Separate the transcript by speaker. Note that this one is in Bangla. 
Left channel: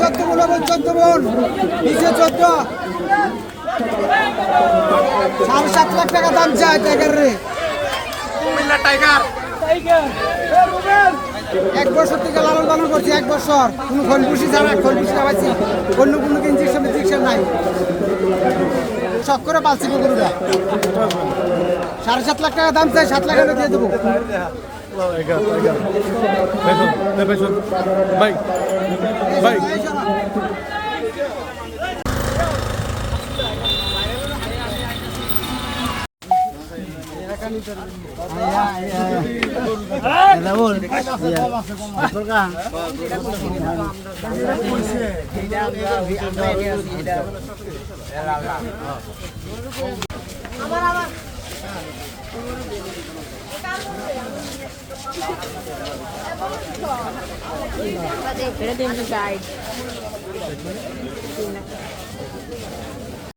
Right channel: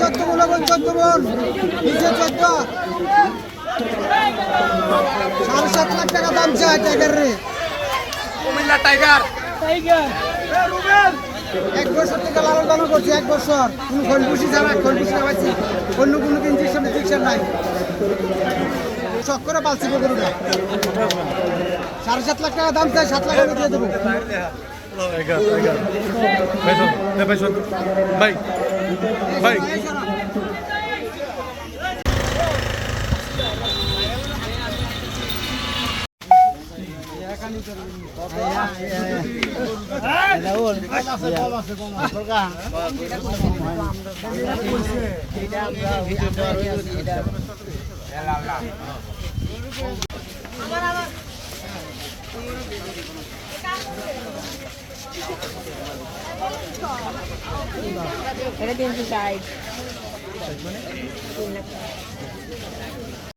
Speaker 1: চোদ্দ বলো বোন চোদ্দ বোন নিচে চোদ্দ। সাড়ে সাত লাখ টাকা দাম চাই টাইগার রে। এক বছর থেকে লালন পালন করছি, এক বছর। কোনো খনকুশি ছাড়া খনকুশি খাওয়াচ্ছি অন্য কোনো ইঞ্জেকশন ইঞ্জেকশন নাই। শখ করে পালছি গরুটা সাড়ে সাত লাখ টাকা দাম চাই সাত লাখ আমি দিয়ে দেবো।
Speaker 2: ভাই ভাই।
Speaker 3: Pero din sa side.